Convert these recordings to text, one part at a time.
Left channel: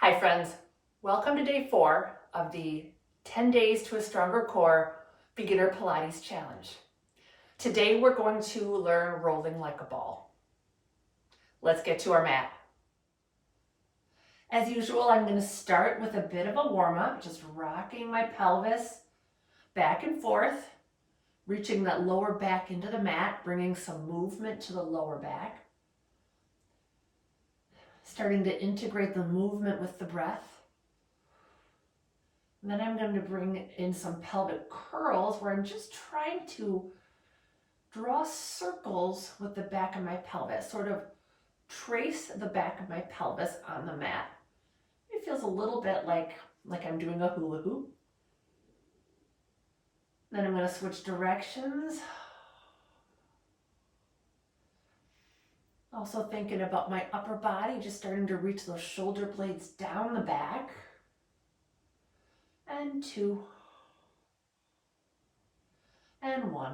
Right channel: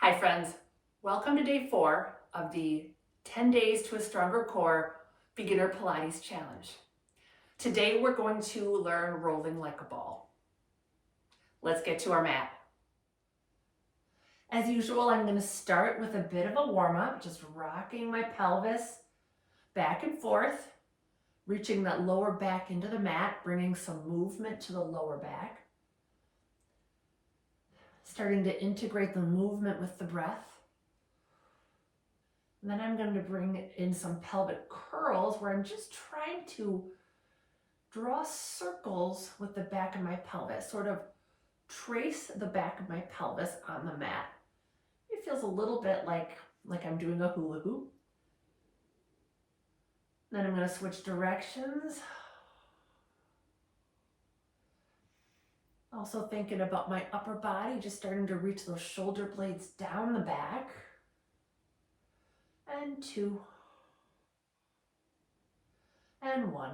Hi friends, welcome to day 4 of the 10 Days to a Stronger Core Beginner Pilates Challenge. Today we're going to learn rolling like a ball. Let's get to our mat. As usual, I'm going to start with a bit of a warm-up, just rocking my pelvis back and forth, reaching that lower back into the mat, bringing some movement to the lower back. Starting to integrate the movement with the breath. And then I'm going to bring in some pelvic curls where I'm just trying to draw circles with the back of my pelvis, sort of trace the back of my pelvis on the mat. It feels a little bit like I'm doing a hula hoop. Then I'm going to switch directions. Also thinking about my upper body, just starting to reach those shoulder blades down the back. And 2. And 1.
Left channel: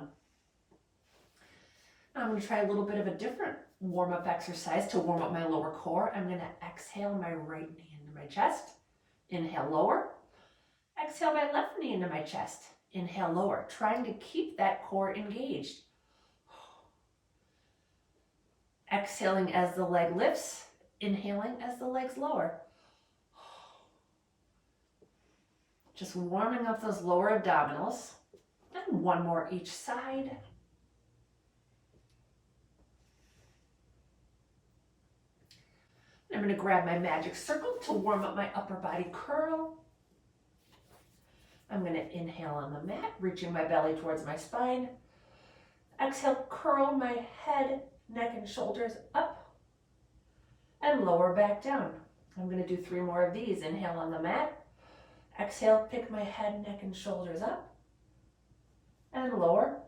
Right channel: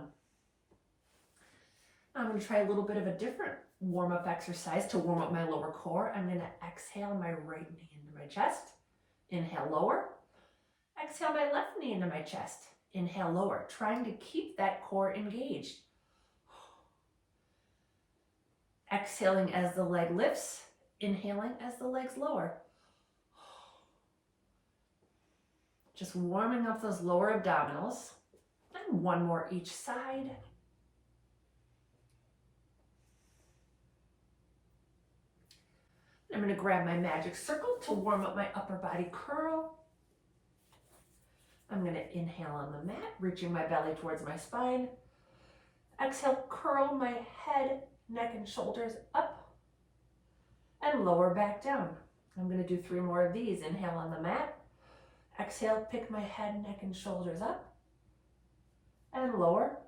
I'm going to try a little bit of a different warm-up exercise to warm up my lower core. I'm going to exhale my right knee into my chest. Inhale, lower. Exhale my left knee into my chest. Inhale, lower. Trying to keep that core engaged. Exhaling as the leg lifts. Inhaling as the legs lower. Just warming up those lower abdominals. And 1 more each side. I'm going to grab my magic circle to warm up my upper body curl. I'm going to inhale on the mat, reaching my belly towards my spine. Exhale, curl my head, neck, and shoulders up. And lower back down. I'm going to do 3 more of these. Inhale on the mat. Exhale, pick my head, neck, and shoulders up. And lower.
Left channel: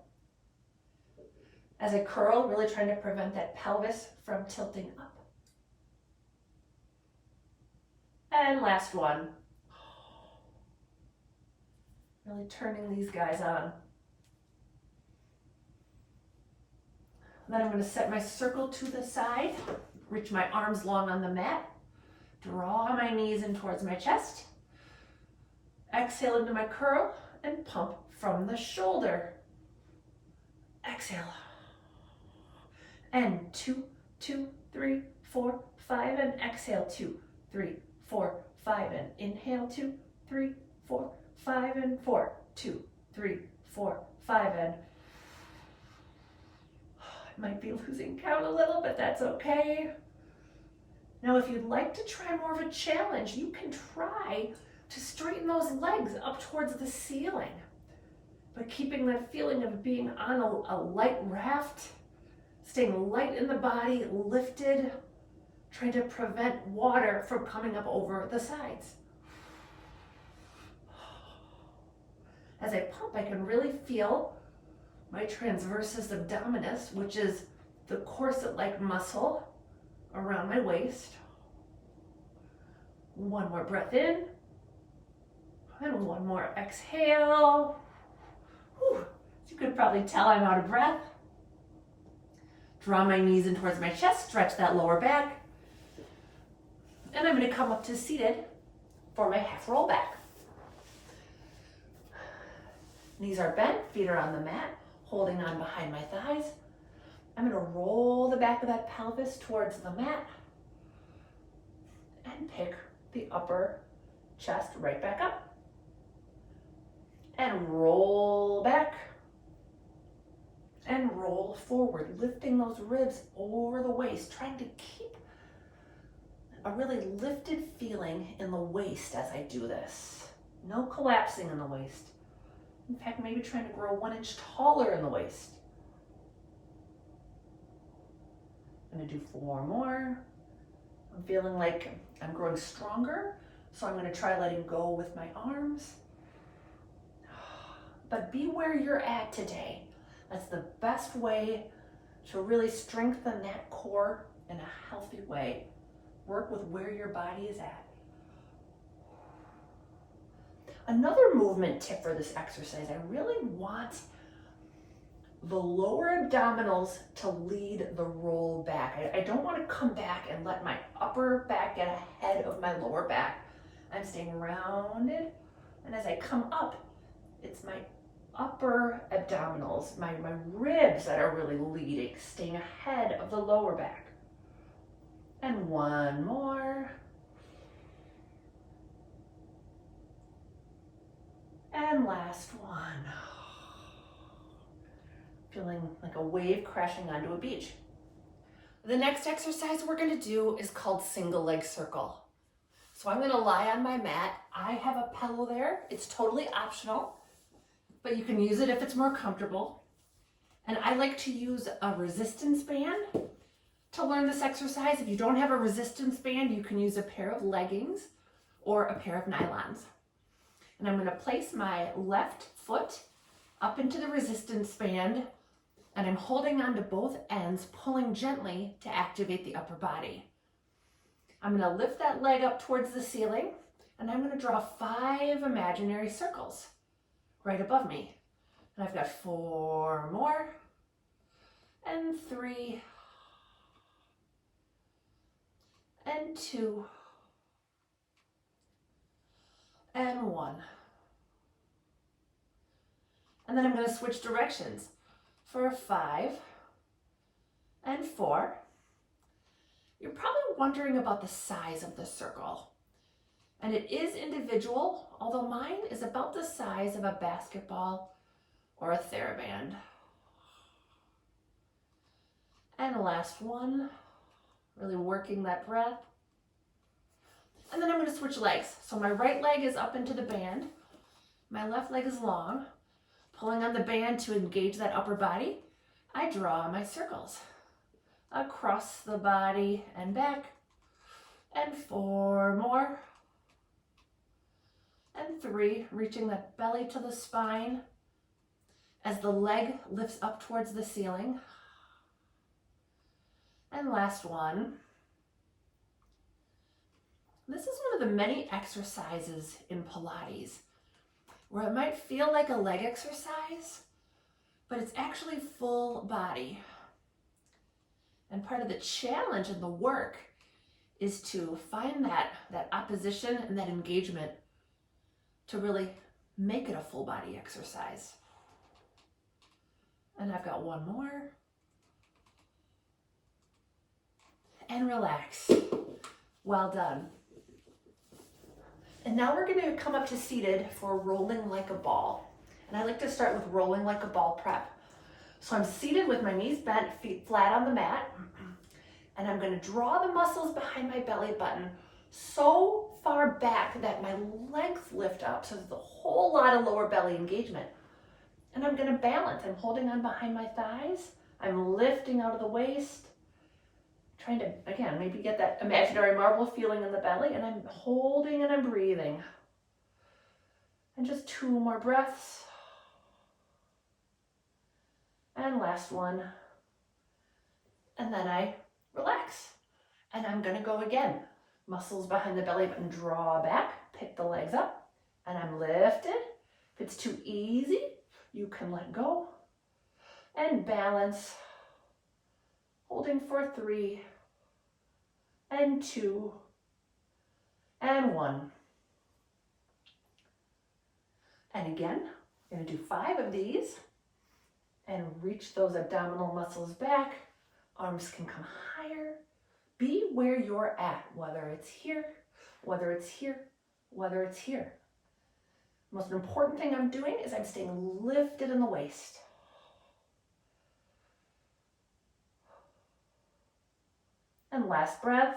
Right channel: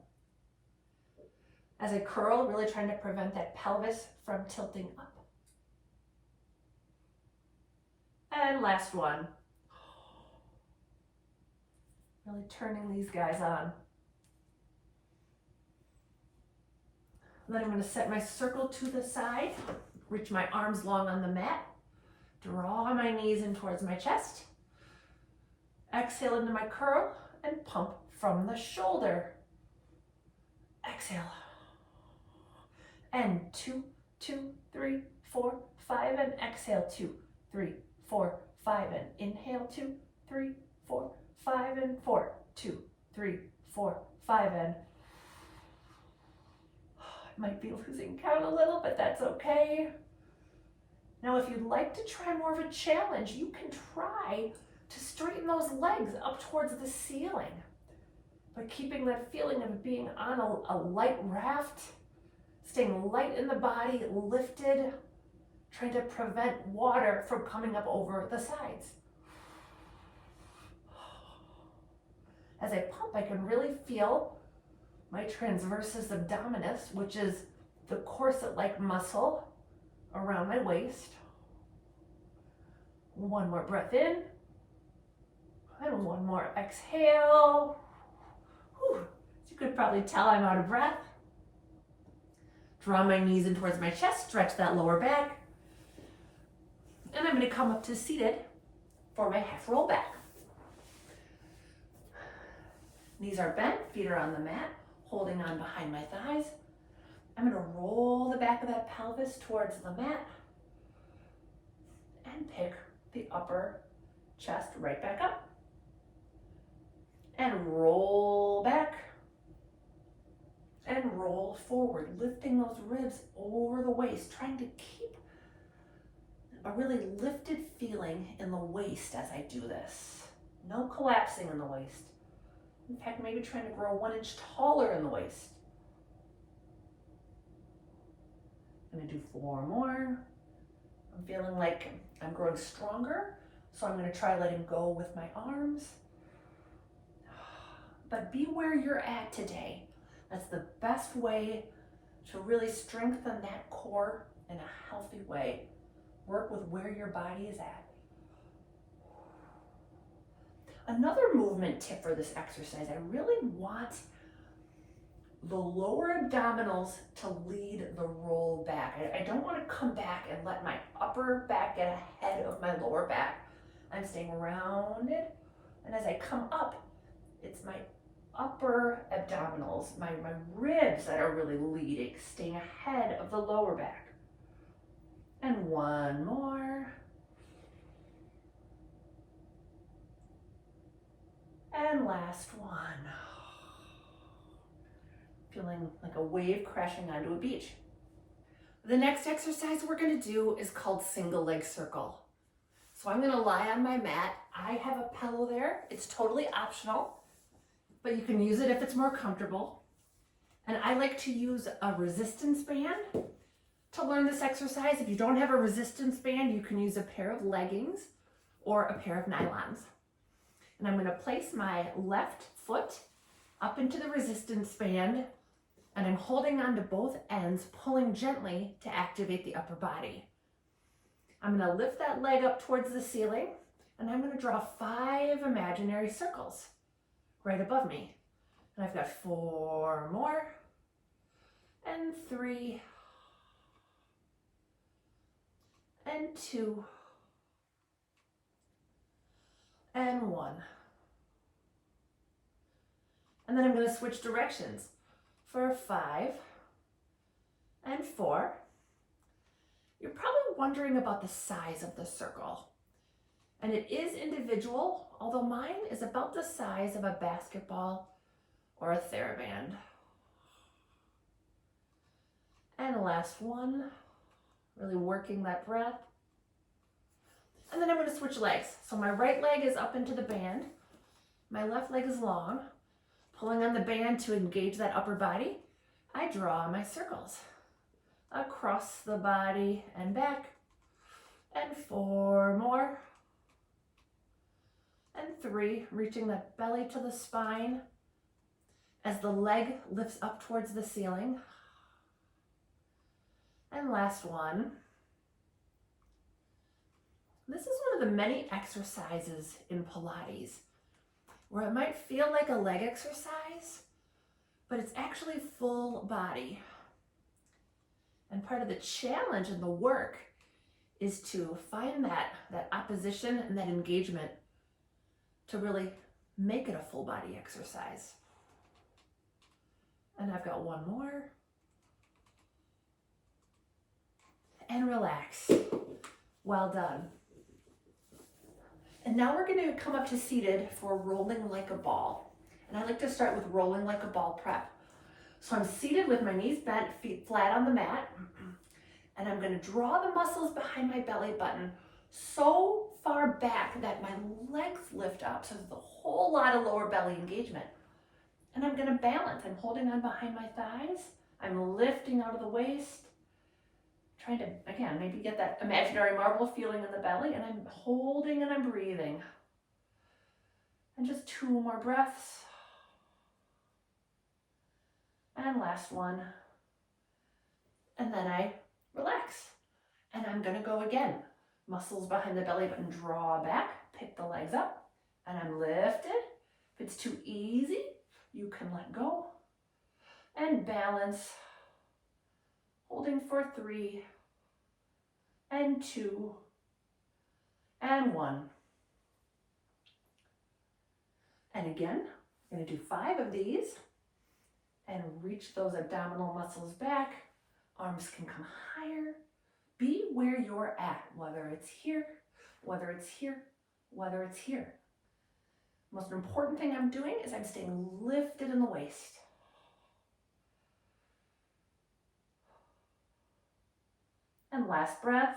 As I curl, really trying to prevent that pelvis from tilting up. And last one. Really turning these guys on. Then I'm going to set my circle to the side, reach my arms long on the mat, draw my knees in towards my chest, exhale into my curl, and pump from the shoulder. Exhale. And 2, 2, 3, 4, 5, and exhale 2, 3, 4, 5, and inhale 2, 3, 4, 5, and 4, 2, 3, 4, 5, and I might be losing count a little, but that's okay. Now, if you'd like to try more of a challenge, you can try to straighten those legs up towards the ceiling, but keeping that feeling of being on a light raft, staying light in the body, lifted, trying to prevent water from coming up over the sides. As I pump, I can really feel my transversus abdominis, which is the corset-like muscle around my waist. 1 more breath in, and 1 more exhale. Whew. As you could probably tell, I'm out of breath. Draw my knees in towards my chest, stretch that lower back. And I'm going to come up to seated for my half roll back. Knees are bent, feet are on the mat, holding on behind my thighs. I'm going to roll the back of that pelvis towards the mat and pick the upper chest right back up. And roll back and roll forward, lifting those ribs over the waist, trying to keep a really lifted feeling in the waist as I do this. No collapsing in the waist. In fact, maybe trying to grow 1 inch taller in the waist. I'm going to do 4 more. I'm feeling like I'm growing stronger, so I'm going to try letting go with my arms. But be where you're at today. That's the best way to really strengthen that core in a healthy way. Work with where your body is at. Another movement tip for this exercise, I really want the lower abdominals to lead the roll back. I don't want to come back and let my upper back get ahead ahead of my lower back. I'm staying rounded, and as I come up, it's my upper abdominals, my ribs that are really leading, staying ahead of the lower back. And one more. And last one. Feeling like a wave crashing onto a beach. The next exercise we're going to do is called single leg circle. So I'm going to lie on my mat. I have a pillow there. It's totally optional, but you can use it if it's more comfortable. And I like to use a resistance band to learn this exercise. If you don't have a resistance band, you can use a pair of leggings or a pair of nylons. And I'm going to place my left foot up into the resistance band, and I'm holding on to both ends, pulling gently to activate the upper body. I'm going to lift that leg up towards the ceiling, and I'm going to draw 5 imaginary circles right above me. And I've got 4 more, and 3, and 2, and 1. And then I'm going to switch directions for 5 and 4. You're probably wondering about the size of the circle. And it is individual, although mine is about the size of a basketball or a TheraBand. And the last one, really working that breath. And then I'm going to switch legs. So my right leg is up into the band. My left leg is long. Pulling on the band to engage that upper body, I draw my circles across the body and back, and 4 more, and 3, reaching that belly to the spine as the leg lifts up towards the ceiling. And last one. This is one of the many exercises in Pilates where it might feel like a leg exercise, but it's actually full body. And part of the challenge and the work is to find that opposition and that engagement to really make it a full body exercise. And I've got 1 more. And relax. Well done. And now we're going to come up to seated for rolling like a ball. And I like to start with rolling like a ball prep. So I'm seated with my knees bent, feet flat on the mat. And I'm going to draw the muscles behind my belly button so far back that my legs lift up. So there's a whole lot of lower belly engagement. And I'm going to balance. I'm holding on behind my thighs. I'm lifting out of the waist. Trying to, again, maybe get that imaginary marble feeling in the belly, and I'm holding and I'm breathing. And just 2 more breaths. And last one. And then I relax. And I'm gonna go again. Muscles behind the belly button, draw back, pick the legs up, and I'm lifted. If it's too easy, you can let go. And balance. Holding for 3, and 2, and 1. And again, we're going to do 5 of these and reach those abdominal muscles back. Arms can come higher. Be where you're at, whether it's here, whether it's here, whether it's here. The most important thing I'm doing is I'm staying lifted in the waist. And last breath.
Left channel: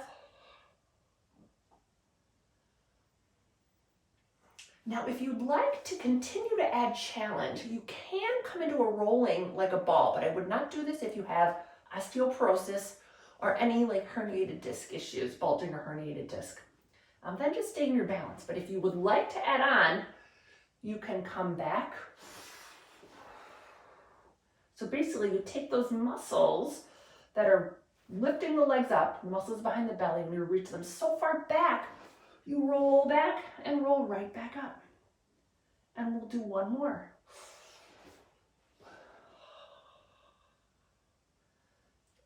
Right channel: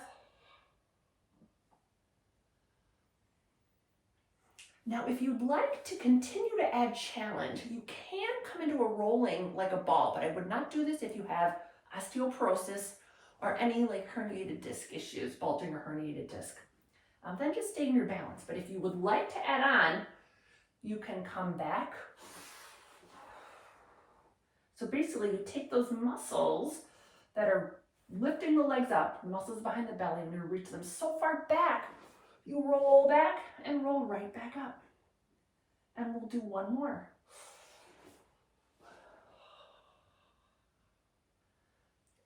Now, if you'd like to continue to add challenge, you can come into a rolling like a ball, but I would not do this if you have osteoporosis or any like herniated disc issues, bulging or herniated disc. Then just stay in your balance. But if you would like to add on, you can come back. So basically you take those muscles that are lifting the legs up, the muscles behind the belly, and you reach them so far back, you roll back and roll right back up. And we'll do 1 more.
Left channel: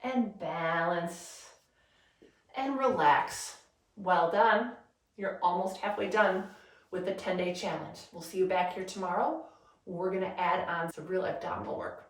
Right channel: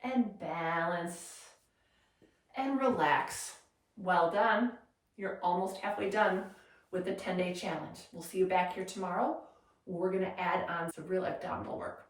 And balance and relax. Well done. You're almost halfway done with the 10-day challenge. We'll see you back here tomorrow. We're gonna add on some real abdominal work.